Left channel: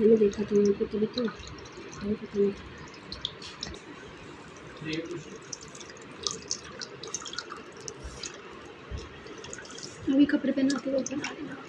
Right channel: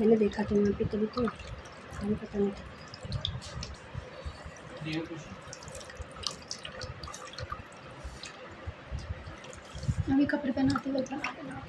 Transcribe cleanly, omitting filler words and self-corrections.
मैंने देखा तो मैं तभी तो खाली पता नहीं। अभी कपड़े पहनाते हुए बना देना।